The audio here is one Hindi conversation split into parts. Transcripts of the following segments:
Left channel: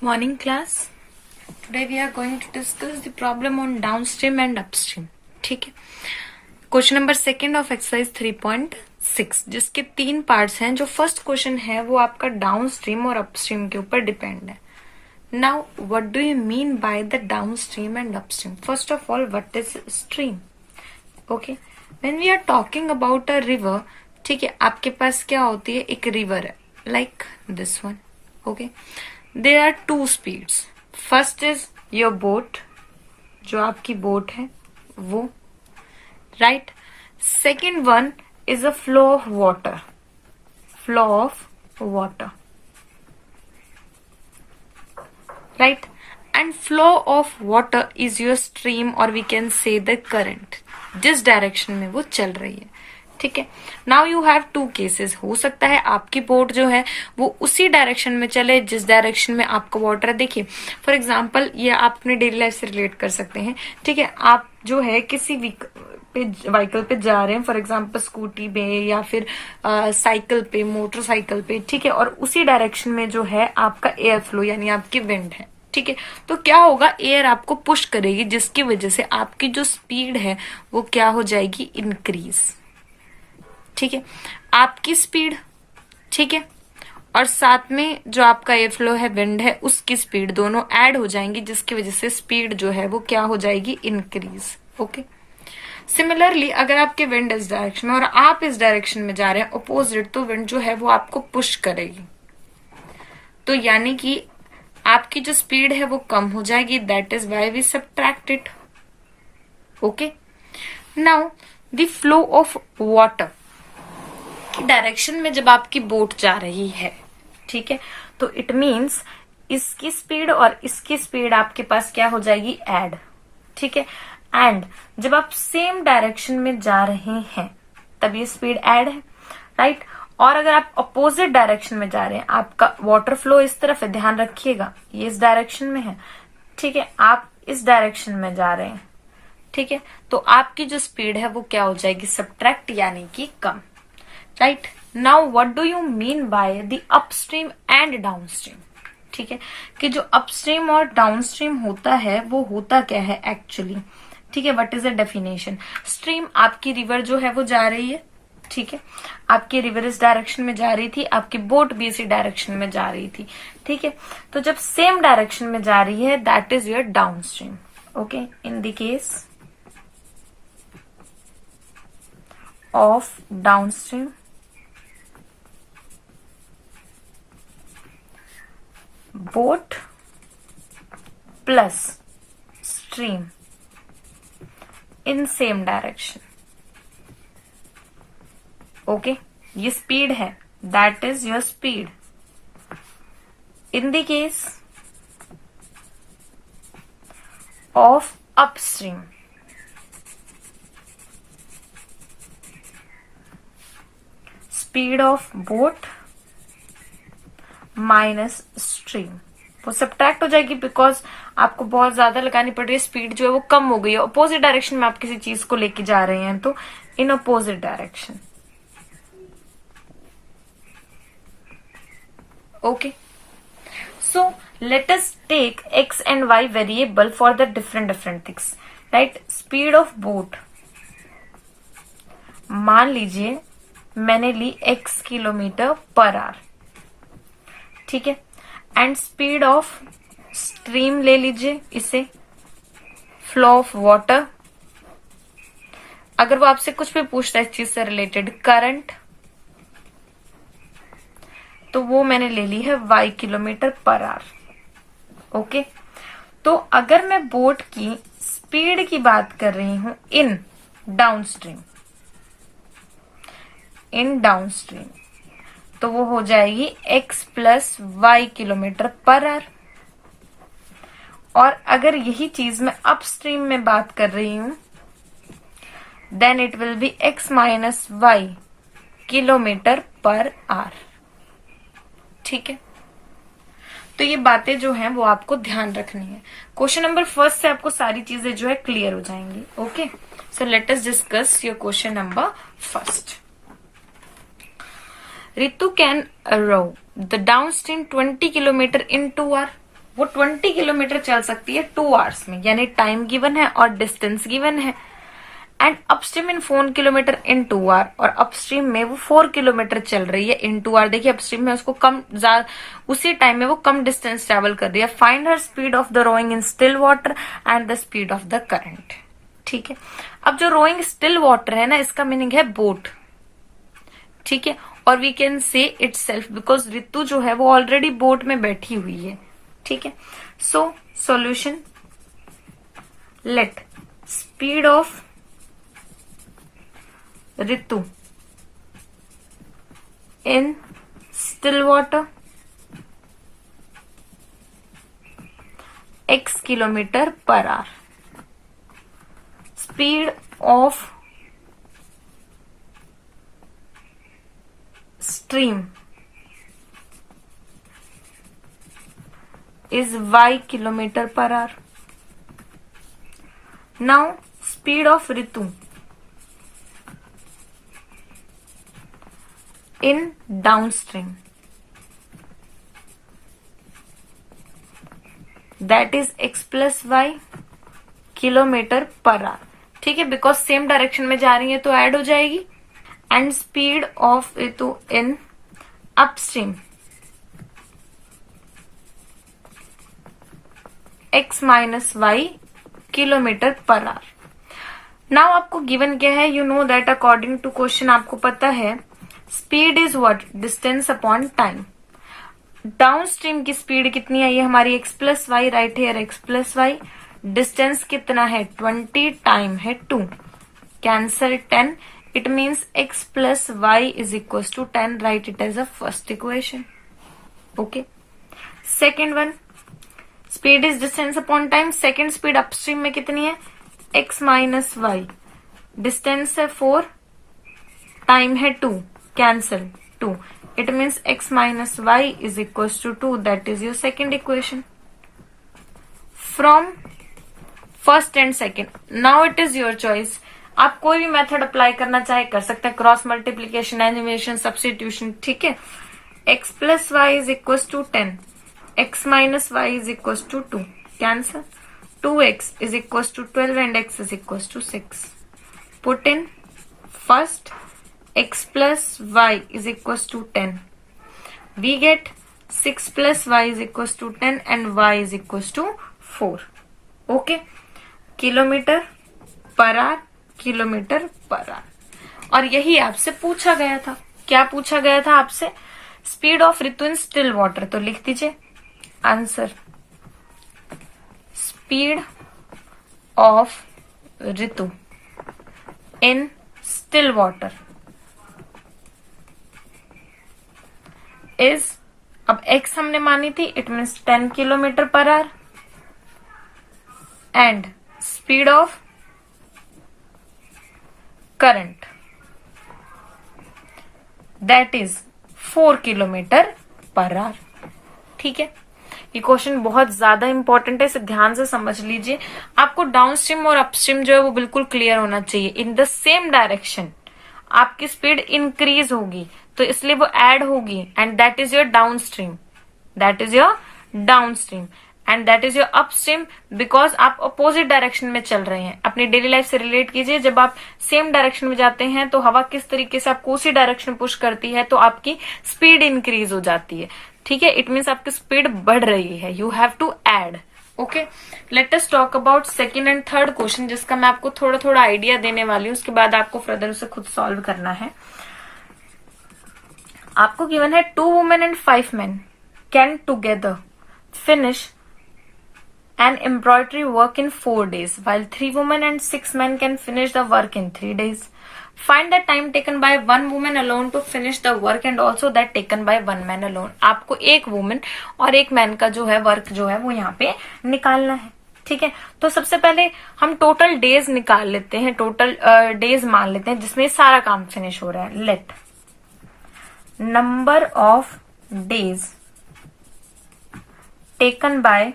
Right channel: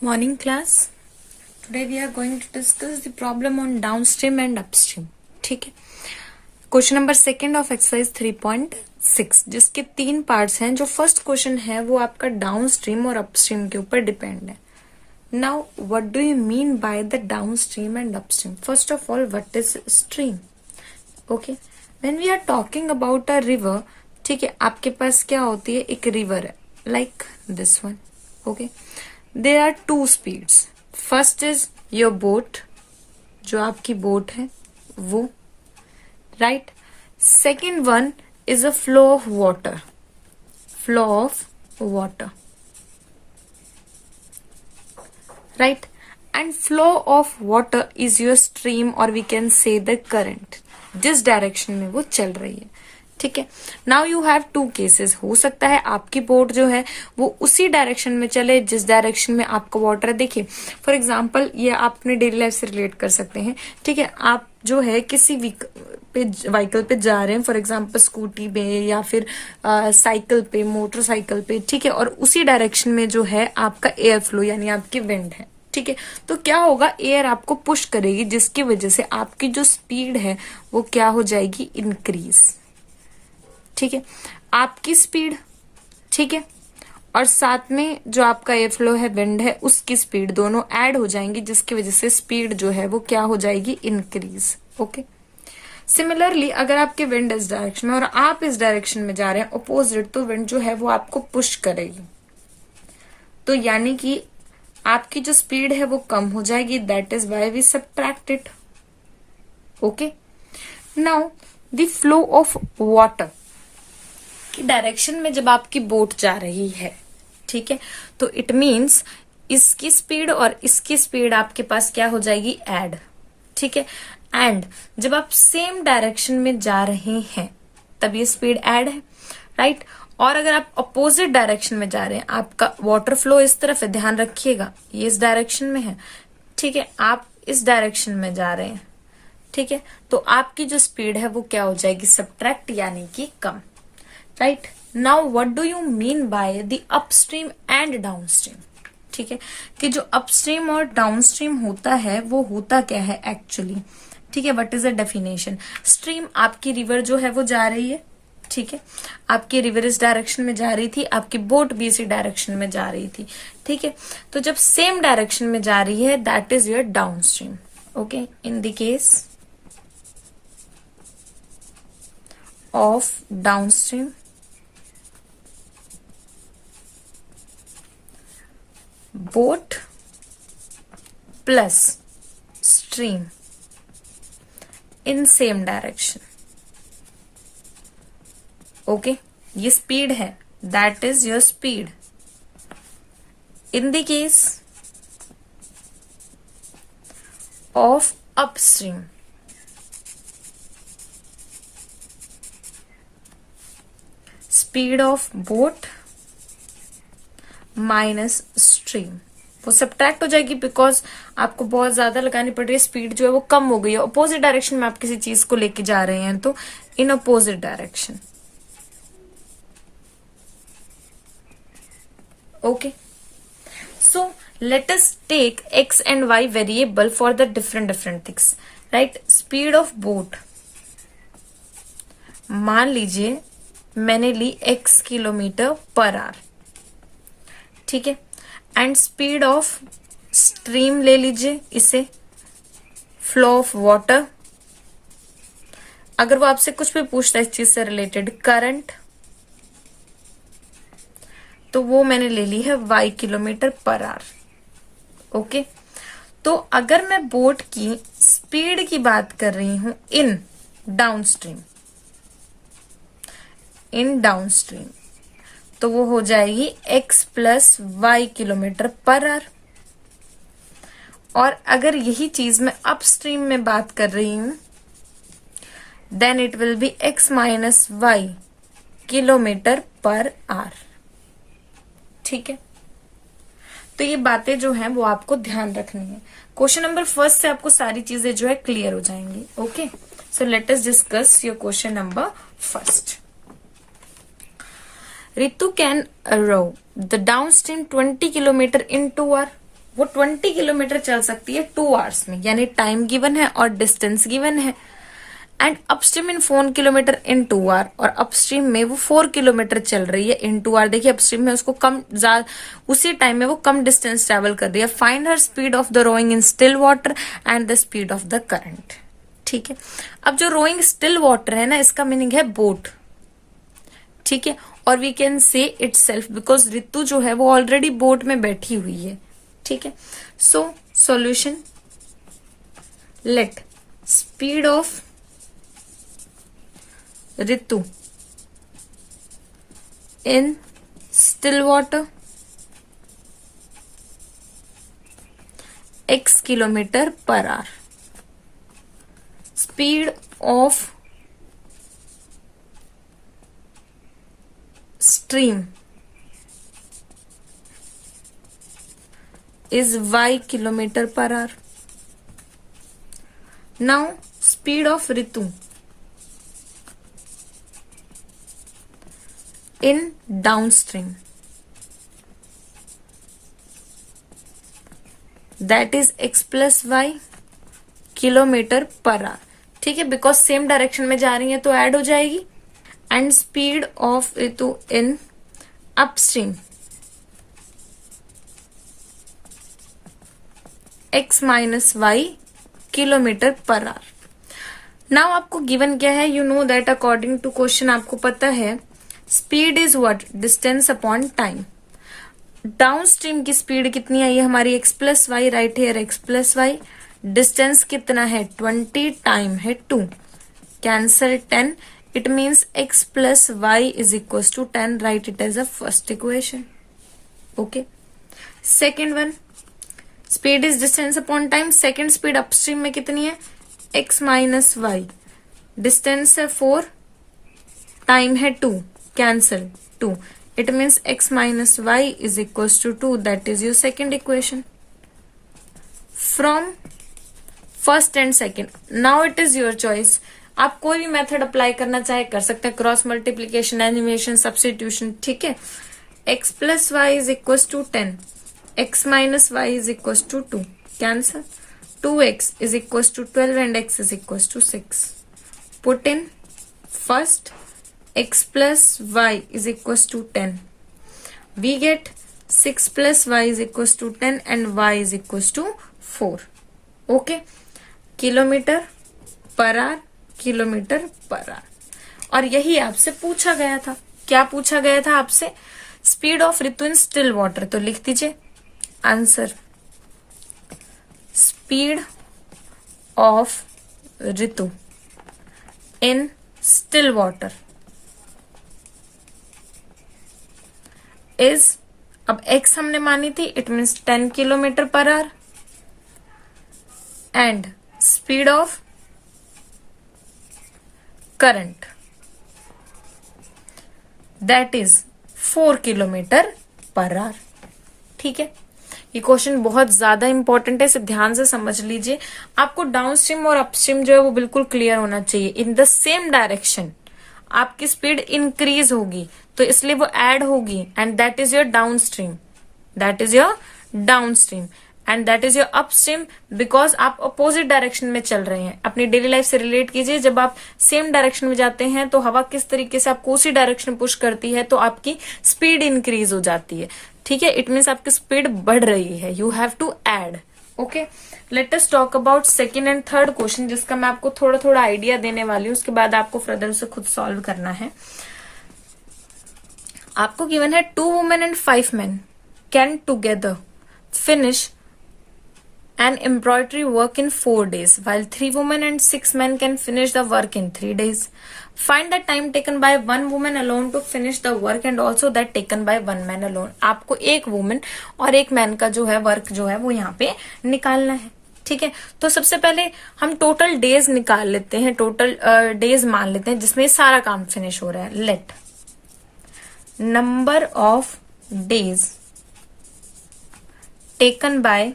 Morning class. Today we are going to discuss the problem on downstream and upstream. ठीक है. Question number second of exercise 3.6 जिसके 3 पार्ट्स हैं. जो फर्स्ट क्वेश्चन है वो आपका डाउनस्ट्रीम और अपस्ट्रीम के ऊपर डिपेंड है. Now what do you mean by the downstream and upstream? First of all what is stream? Okay, when we are talking about a river, ठीक है, आपके पास क्या होती है, एक रिवर है like this one. Okay, there are 2 speeds. First is your boat, जो आपकी बोट है वो, right. Second one is a flow of water, flow of water, right. And flow of water is your stream और we can say the current, जिस डायरेक्शन में वो चल रही है. ठीक है. Now you have 2 cases. हो सकता है आपकी बोट जो है वो उसी डायरेक्शन में चले जिस डायरेक्शन में आपका वाटर है. देखिए फॉर एग्जांपल, ये आप अपने डेली लाइफ से रिलेट कर सकते हैं. ठीक है, आप जो है किसी व्हीकल पे जा रहे हैं, फॉर एग्जांपल स्कूटी पे या फिर साइकिल पे, मोटरसाइकिल पे, ठीक है, और उसी डायरेक्शन में जो है आपका एयर फ्लो यानी आपकी विंड है. ठीक है, तो क्या होगा, एयर आपको पुश करेगी जिसकी वजह से आपकी जो स्पीड है वो क्या हो जाएगी, इंक्रीज. ठीक है, आपकी स्पीड, ठीक है, और साथ में जो आपका एयर फ्लो है, विंड है, उसकी स्पीड दोनों ऐड हो जाएंगी जिसकी वजह से स्पीड जो है वो क्या हो जाएगी, इंक्रीज. ओके. सिमिलरली अगर आपके विंड इस डायरेक्शन में और आप इस डायरेक्शन में जा रहे हैं अपोजिट, तो विंड जो है वो आपको पुश करेगी. तो यानी कि आपकी जो स्पीड है वो कम हो जाएगी. That is why we subtract it. Okay. Now the flow of water direction में जब आपकी बोट जा रही है, ठीक है, तो इट मीन्स इसकी स्पीड और इसकी स्पीड आपके पास क्या हो जाएगी, ऐड. ठीक है. एंड जब आप सेम डायरेक्शन में जा रहे हैं तब ये स्पीड ऐड है, राइट. और अगर आप अपोजिट डायरेक्शन में जा रहे हैं, आपका वाटर फ्लो इस तरफ है, ध्यान रखिएगा, ये इस डायरेक्शन में है, ठीक है, आप इस डायरेक्शन में जा रहे हैं, ठीक है, तो आपकी जो स्पीड है वो क्या हो जाएगी, सबट्रैक्ट यानी कि कम. Right. Now what do you mean by the upstream and downstream? ठीक है, कि जो अपस्ट्रीम और डाउनस्ट्रीम होता है वो होता क्या है एक्चुअली. ठीक है, what is the definition? Stream आपकी रिवर जो है वो जा रही है, ठीक है, आपकी रिवर इस डायरेक्शन में जा रही थी, आपकी बोट भी इसी डायरेक्शन में जा रही थी. ठीक है, तो जब सेम डायरेक्शन में जा रही है that is your downstream. Okay. In the case of downstream, boat plus stream in same direction. Okay, ये स्पीड है, that is your speed. In the case of upstream, speed of boat minus stream, वो सबट्रैक्ट हो जाएगी बिकॉज आपको बहुत ज्यादा लगानी पड़ रही है, स्पीड जो है वो कम हो गई है. अपोजिट डायरेक्शन में आप किसी चीज को लेके जा रहे हैं तो in opposite direction. Okay, so let us take x and y variable for the different things. Right. Speed of boat, मान लीजिए मैंने ली x किलोमीटर पर आवर, ठीक है, एंड स्पीड ऑफ स्ट्रीम ले लीजिए इसे, फ्लो ऑफ वाटर. अगर वो आपसे कुछ भी पूछता है इस चीज से रिलेटेड, करंट, तो वो मैंने ले ली है y kilometre per our. Okay. तो अगर मैं बोट की स्पीड की बात कर रही हूं इन डाउनस्ट्रीम, तो वो हो जाएगी x plus y kilometre per hour. और अगर यही चीज मैं अपस्ट्रीम में बात कर रही हूं then it will be x minus y kilometre per hour. ठीक है, तो ये बातें जो हैं वो आपको ध्यान रखनी है. क्वेश्चन नंबर फर्स्ट से आपको सारी चीजें जो है क्लियर हो जाएंगी. Okay, so let us discuss your question number first. Ritu can row the downstream 20 kilometer in 2 hours. वो 20 किलोमीटर चल सकती है 2 आवर्स में, यानी टाइम गिवन है और डिस्टेंस गिवन है। And upstream in 4 kilometre in 2 hour, और अपस्ट्रीम में वो 4 किलोमीटर चल रही है इन 2 आवर। देखिए अपस्ट्रीम में उसको उसी टाइम में वो कम डिस्टेंस ट्रेवल कर रही है। Find her speed of the rowing in still water and the speed of the current. ठीक है, अब जो रोइंग स्टिल वाटर है ना, इसका मीनिंग है बोट। ठीक है, और we can say itself because ऋतु जो है वो ऑलरेडी बोट में बैठी हुई है। ठीक है, so solution, let speed of Ritu in still water x kilometer per hour. Speed of stream is y kilometer per hour. Now speed of Ritu in downstream, that is x plus y kilometre per hour. ठीक है, बिकॉज सेम डायरेक्शन में जा रही है तो ऐड हो जाएगी। And speed of Ritu in upstream x minus y kilometre per hour. Now आपको गिवन क्या है, you know that according to question आपको पता है speed is what, distance upon time. Downstream की स्पीड कितनी है, ये हमारी x plus y, right here x plus y. Distance कितना है 20, टाइम है 2, cancel 10, it means x plus y is equal to 10, right it as a first equation. Okay, second one, speed is distance upon time. Second speed upstream में कितनी है, एक्स माइनस वाई, डिस्टेंस है 4, टाइम है 2, cancel 2, it means x minus y is equals to 2, that is your second equation. From first and second, now it is your choice. आप कोई भी मेथड अप्लाई करना चाहे कर सकते हैं, क्रॉस मल्टीप्लीकेशन, एनिमेशन, सब्स्टिट्यूशन। ठीक है, x plus y is equal to 10, x minus y is equal to 2, cancel 2x is equal to 12 and x is equal to 6. Put in first x plus y is equals to 10. We get 6 plus y is equals to 10 and y is equals to 4. Okay. Kilometre per our, kilometre per hour. और यही आपसे पूछा गया था। क्या पूछा गया था आपसे, speed of Ritu in still water. तो लिख दीजिए answer, speed of Ritu in still water is, अब x हमने मानी थी, it means 10 kilometre per our, and speed of current that is 4 kilometre per hour. ठीक है, ये क्वेश्चन बहुत ज्यादा इंपॉर्टेंट है, इसे ध्यान से समझ लीजिए। आपको डाउनस्ट्रीम और अपस्ट्रीम जो है वो बिल्कुल क्लियर होना चाहिए। इन द सेम डायरेक्शन आपकी स्पीड इंक्रीज होगी, तो इसलिए वो ऐड होगी, and that is your downstream, that is your downstream, and that is your upstream, because आप अपोजिट डायरेक्शन में चल रहे हैं। अपनी डेली लाइफ से रिलेट कीजिए, जब आप सेम डायरेक्शन में जाते हैं तो हवा किस तरीके से आपको उसी डायरेक्शन पुश करती है, तो आपकी स्पीड इंक्रीज हो जाती है। ठीक है, इट मीन्स आपकी स्पीड बढ़ रही है, you have to add. Okay, let us talk about second and third question, जिसका मैं आपको थोड़ा थोड़ा आइडिया देने वाली हूँ, उसके बाद आपको फर्दर उसे खुद सॉल्व करना है। आपको गिवन है 2 women and 5 men can together finish an embroidery work in 4 days, while 3 women and 6 men can finish the work in 3 days. Find the time taken by 1 woman alone to finish the work and also that taken by 1 man alone. आपको एक वुमेन और एक मैन का जो है वर्क जो है वो यहाँ पे निकालना है। ठीक है, तो सबसे पहले हम टोटल डेज निकाल लेते हैं, टोटल डेज मान लेते हैं जिसमें सारा काम फिनिश हो रहा है। Let number of days taken by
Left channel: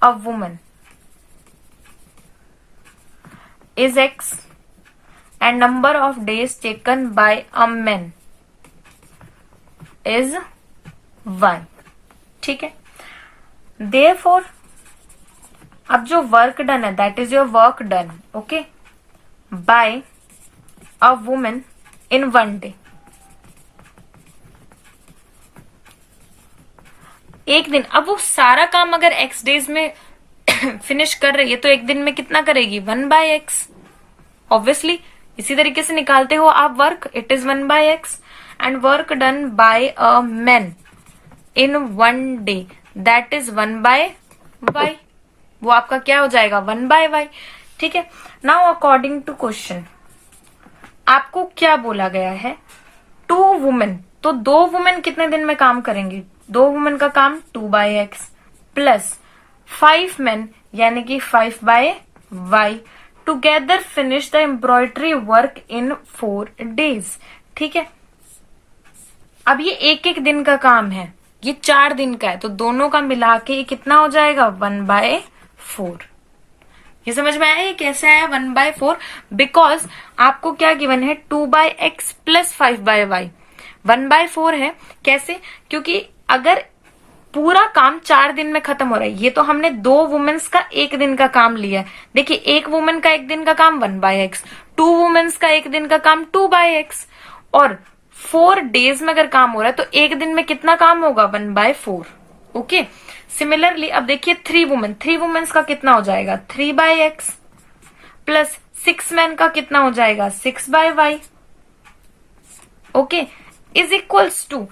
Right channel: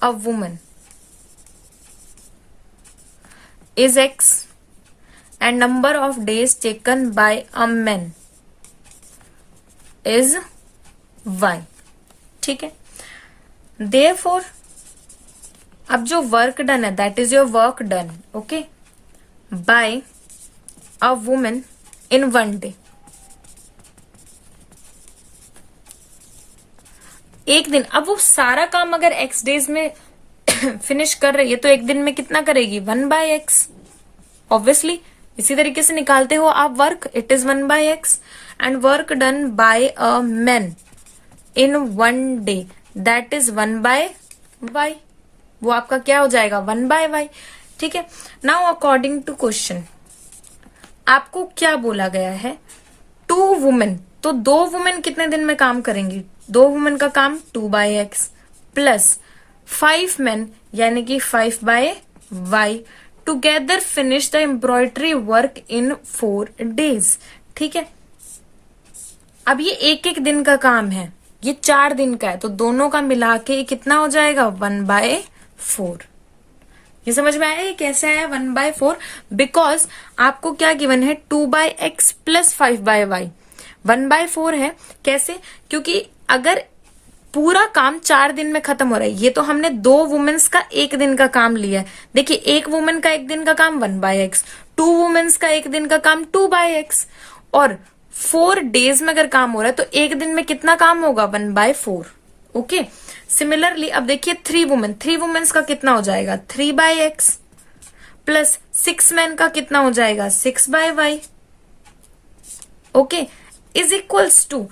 a woman is x and number of days taken by a man is y. ठीक है। देयरफॉर अब जो वर्क डन है that is your work done, okay, by a women in 1 day. एक दिन, अब वो सारा काम अगर x डेज में फिनिश कर रही है तो एक दिन में कितना करेगी, 1/x। ऑब्वियसली इसी तरीके से निकालते हो आप work, it is 1/x and work done by a man in 1 day that is 1/y। वो आपका क्या हो जाएगा, 1/y। ठीक है। नाउ अकॉर्डिंग टू क्वेश्चन आपको क्या बोला गया है, 2 वुमेन, तो 2 वुमेन कितने दिन में काम करेंगी, 2 वुमेन का काम 2/x प्लस 5 मेन यानी कि 5/y together finish the embroidery work in 4 days. ठीक है। अब ये एक एक दिन का काम है, ये 4 दिन का है, तो दोनों का मिला के ये कितना हो जाएगा, 1/4। ये समझ में आया ये कैसे आया 1/4? बिकॉज आपको क्या गिवन है, 2/x प्लस 5/y 1/4 है। कैसे? क्योंकि अगर पूरा काम 4 दिन में खत्म हो रहा है, ये तो हमने 2 वुमेन्स का एक दिन का काम लिया है। देखिए, एक वुमेन का एक दिन का काम 1/x, 2 वुमेन्स का एक दिन का काम 2/x, और 4 डेज में अगर काम हो रहा है तो एक दिन में कितना काम होगा, 1/4। ओके। सिमिलरली अब देखिए 3 वुमेन्स का कितना हो जाएगा, 3/x प्लस 6 मैन का कितना हो जाएगा, 6/y। Okay, is equals to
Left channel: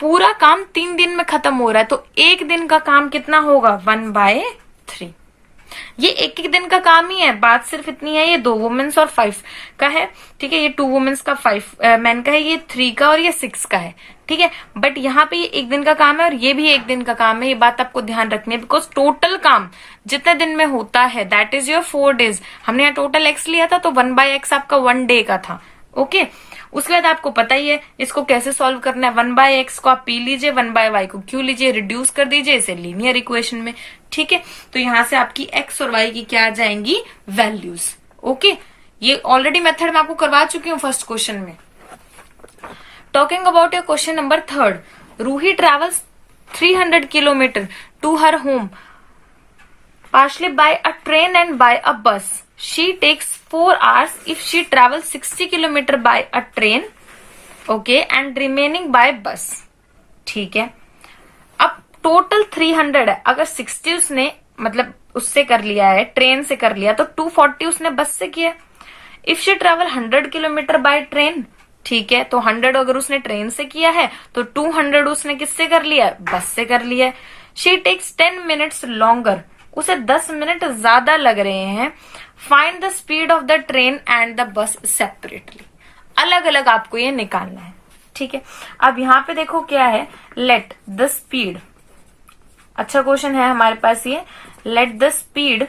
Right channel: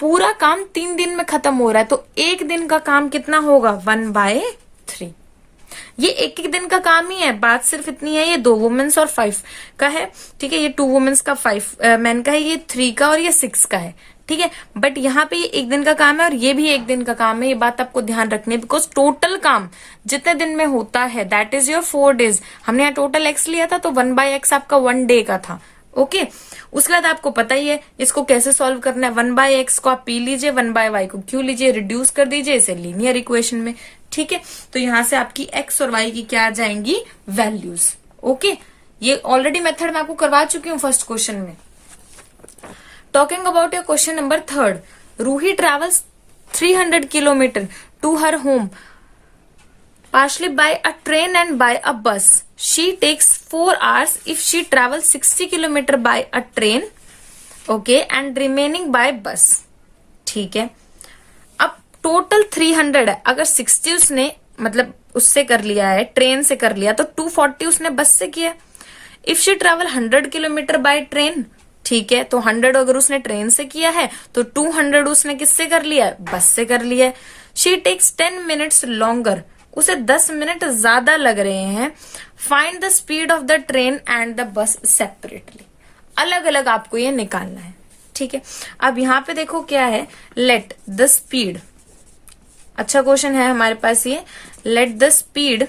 पूरा काम 3 दिन में खत्म हो रहा है तो एक दिन का काम कितना होगा, 1/3। ये एक एक दिन का काम ही है, बात सिर्फ इतनी है, ये 2 वुमेन्स और 5 का है। ठीक है, ये 2 वुमेन्स का 5 मैन का है, ये 3 का और ये 6 का है। ठीक है, बट यहाँ पे ये एक दिन का काम है और ये भी एक दिन का काम है, ये बात आपको ध्यान रखनी है। बिकॉज टोटल काम जितने दिन में होता है दैट इज योर 4 डेज। हमने यहाँ टोटल x लिया था तो 1/x आपका 1 डे का था। ओके। उसके बाद आपको पता ही है इसको कैसे सॉल्व करना है, 1/x को आप p लीजिए, 1/y को q लीजिए, रिड्यूस कर दीजिए इसे लीनियर इक्वेशन में। ठीक है, तो यहां से आपकी x और y की क्या आ जाएंगी, वैल्यूज। ओके, ये ऑलरेडी मेथड मैं आपको करवा चुकी हूँ फर्स्ट क्वेश्चन में। Talking about your question number 3, Roohi travels 300 kilometre to her home partially by a train and by a bus. She takes 4 hours if she travels 60 kilometer by a train, okay, and remaining by bus. ठीक है। अब टोटल 300 है, अगर 60 उसने मतलब उससे कर लिया है, ट्रेन से कर लिया, तो 240 उसने बस से किया। If she travel 100 kilometre by train, ठीक है, तो 100 अगर उसने ट्रेन से किया है तो 200 उसने किससे कर लिया है, बस से कर लिया है। शी टेक्स 10 मिनट्स लॉन्गर, उसे 10 मिनट ज्यादा लग रहे हैं। Find the speed of the train and the bus separately, अलग अलग आपको ये निकालना है। ठीक है, अब यहां पे देखो क्या है, लेट द स्पीड, अच्छा क्वेश्चन है हमारे पास ये, let the speed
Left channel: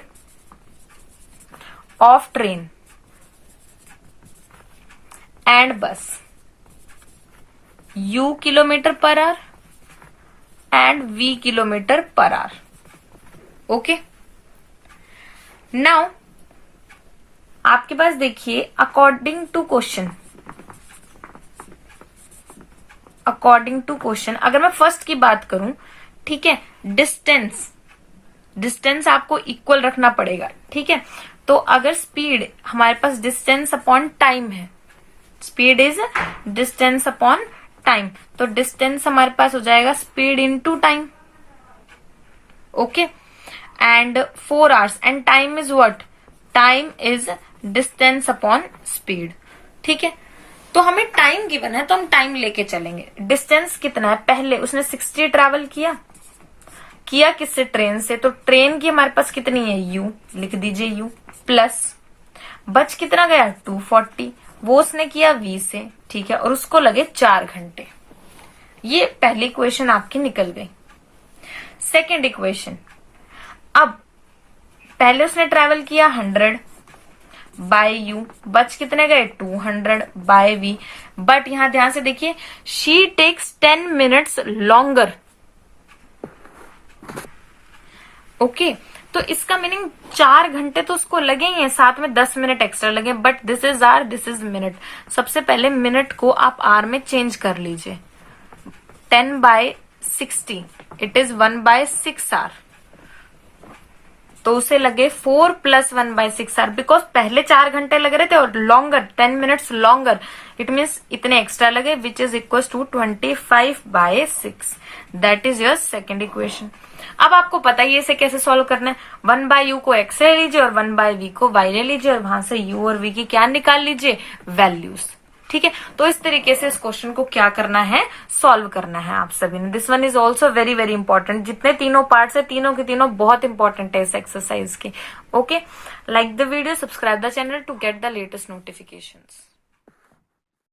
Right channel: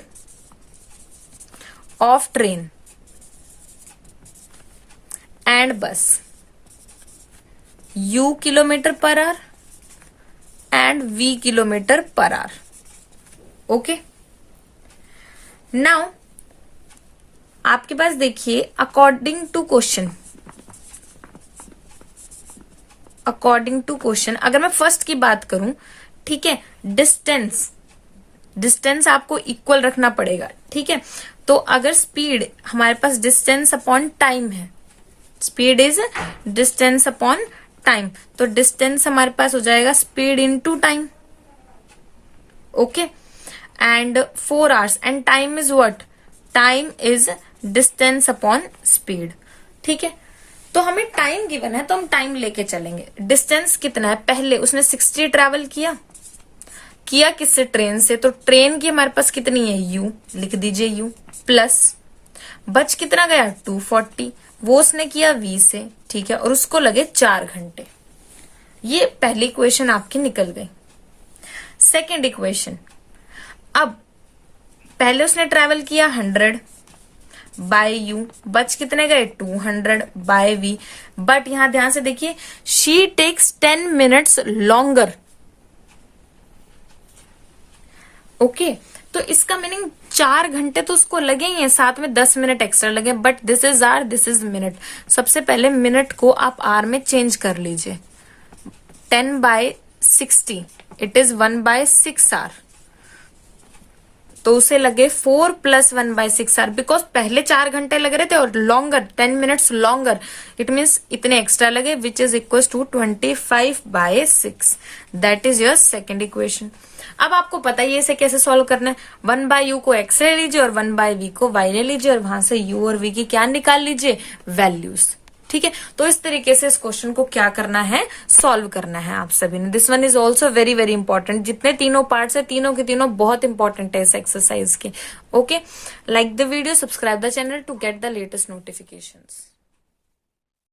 of train and बस u kilometre per our and v kilometre per our. Okay, now आपके पास देखिए अकॉर्डिंग टू क्वेश्चन अगर मैं फर्स्ट की बात करूं, ठीक है, डिस्टेंस आपको इक्वल रखना पड़ेगा। ठीक है, तो अगर स्पीड हमारे पास डिस्टेंस अपॉन टाइम है, speed is distance upon time, तो डिस्टेंस हमारे पास हो जाएगा speed into time. Okay, and 4 hours and time is what, time is distance upon speed। ठीक है, तो हमें टाइम गिवन है तो हम टाइम लेके चलेंगे। डिस्टेंस कितना है, पहले उसने 60 ट्रेवल किया किससे, ट्रेन से, तो ट्रेन की हमारे पास कितनी है, u, लिख दीजिए u, प्लस बच कितना गया, 240, वो उसने किया v से। ठीक है, और उसको लगे 4 घंटे। ये पहली इक्वेशन आपकी निकल गई। सेकेंड इक्वेशन, अब पहले उसने ट्रेवल किया 100 बाय यू, बच कितने गए, 200 बाय वी, बट यहां ध्यान से देखिए, she takes 10 minutes longer. Okay, तो इसका मीनिंग 4 घंटे तो उसको लगे ही हैं, साथ में 10 मिनट एक्स्ट्रा लगे, but this is hour, this is minute. सबसे पहले मिनट को आप आर में चेंज कर लीजिए, 10/60 इट इज 1/6 आवर, तो उसे लगे 4 + 1/6 आवर, बिकॉज पहले 4 घंटे लग रहे थे और longer 10 minutes longer, it means इतने एक्स्ट्रा लगे, which is equal to 25/6. That is your second equation. अब आपको पता है इसे कैसे सॉल्व करना है. 1/u को x ले लीजिए और 1/v को y ले लीजिए और वहां से u और v की क्या निकाल लीजिए, वैल्यूज. ठीक है, तो इस तरीके से इस क्वेश्चन को क्या करना है, सॉल्व करना है आप सभी ने. This one is also very very important. जितने तीनों पार्ट्स है तीनों के तीनों बहुत इंपॉर्टेंट है इस एक्सरसाइज के. Okay, like the video, subscribe the channel to get the latest notifications.